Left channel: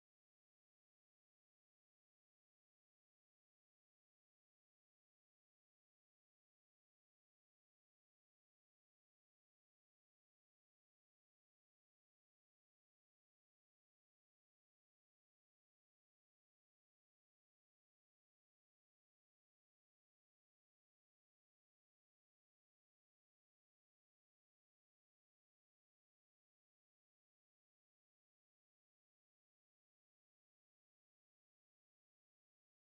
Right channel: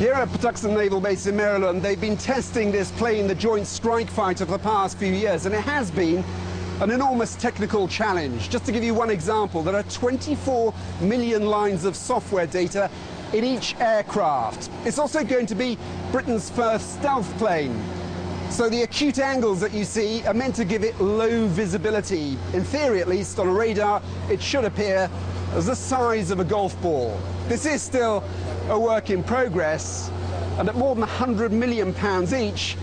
Here at Patuxent Naval Base in Maryland, they've been testing this plane, the Joint Strike Fighter, for the past few years, and it has been an enormous technical challenge. Just to give you one example, there are 24 million lines of software data in each aircraft. It's also going to be Britain's first stealth plane. So the acute angles that you see are meant to give it low visibility. In theory, at least, on a radar, it should appear as the size of a golf ball. This is still a work in progress, and at more than £100 million each,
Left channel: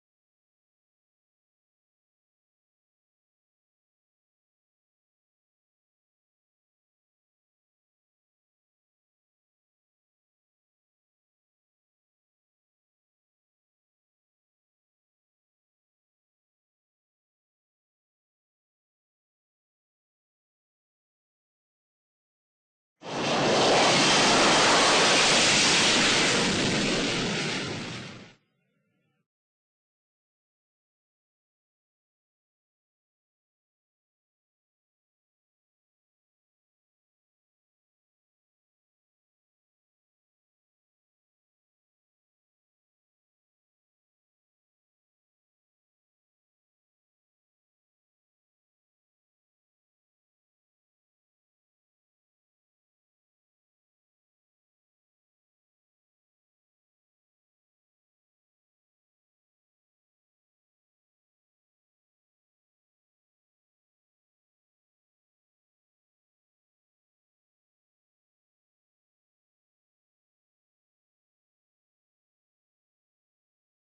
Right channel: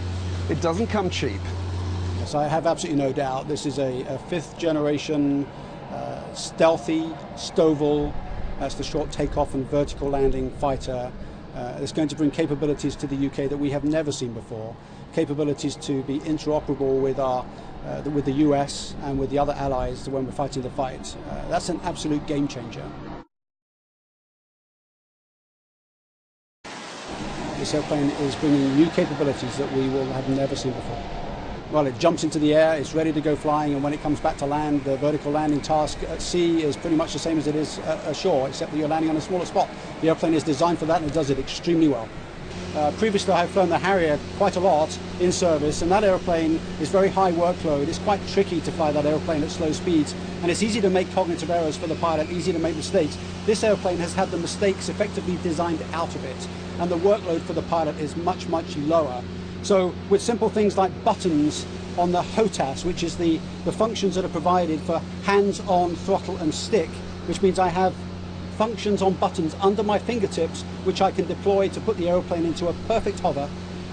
it doesn't come cheap. Yes, I have absolutely no doubt this is a fifth generation stealthy STOVL, that's the short takeoff and vertical landing fighter. It's going to bring capabilities to the UK that we have never seen before, capabilities to be interoperable with the US and with the other allies when we're fighting the fight. That's an absolute game changer. This airplane is bringing new capabilities that we will have never seen before. Well, it jumps into the air, it's ready to go flying, and when it comes back to land, the vertical landing task at sea is pretty much the same as it is ashore, except that you're landing on a smaller spot. The airplane is designed for that, and it does it extremely well. Previously, I have flown the Harrier quite a lot in service, and that airplane is very high workload. It's quite tricky to fly that airplane at slow speeds, and it's easy to make cognitive errors for the pilot, easy to make mistakes. This airplane has had the mistakes effectively designed out of it, and the workload for the pilot is much, much lower. So with simple things like buttons on the HOTAS, which is the functions that are provided for hands-on throttle and stick, which means I have functions on buttons under my fingertips which I can deploy to put the airplane into a perfect hover,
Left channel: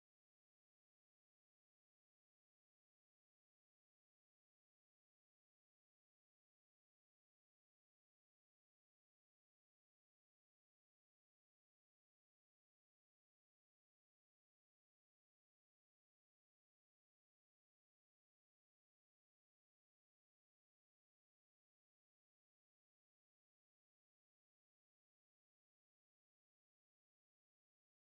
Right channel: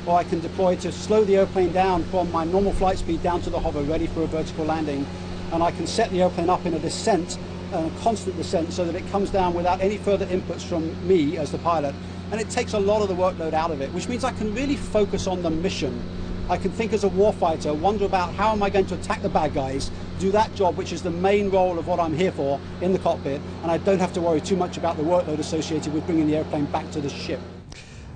or I can deploy to slow the airplane down from my normal flight speed down to the hover ready for a vertical landing, and I can set the airplane up in a descent, a constant descent, so that it comes down without any further inputs from me as the pilot, and it takes a lot of the workload out of it, which means I can really focus on the mission. I can think as a warfighter, wonder about how am I going to attack the bad guys, do that job, which is the main role of what I'm here for in the cockpit, and I don't have to worry too much about the workload associated with bringing the airplane back to the ship.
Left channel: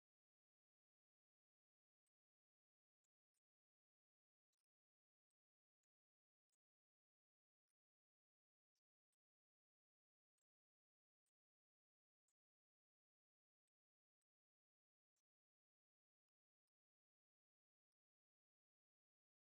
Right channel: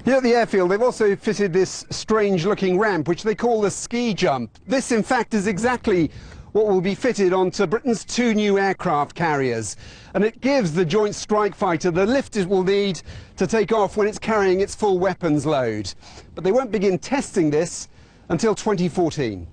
Here at the airfield, they've also fitted this strange-looking ramp, which they call the ski jump. This, in fact, is exactly what will be fitted onto Britain's 2 new aircraft carriers, and it gives the Joint Strike Fighter the lift it will need to take off when it's carrying its full weapons load. But they won't begin testing this until 2014.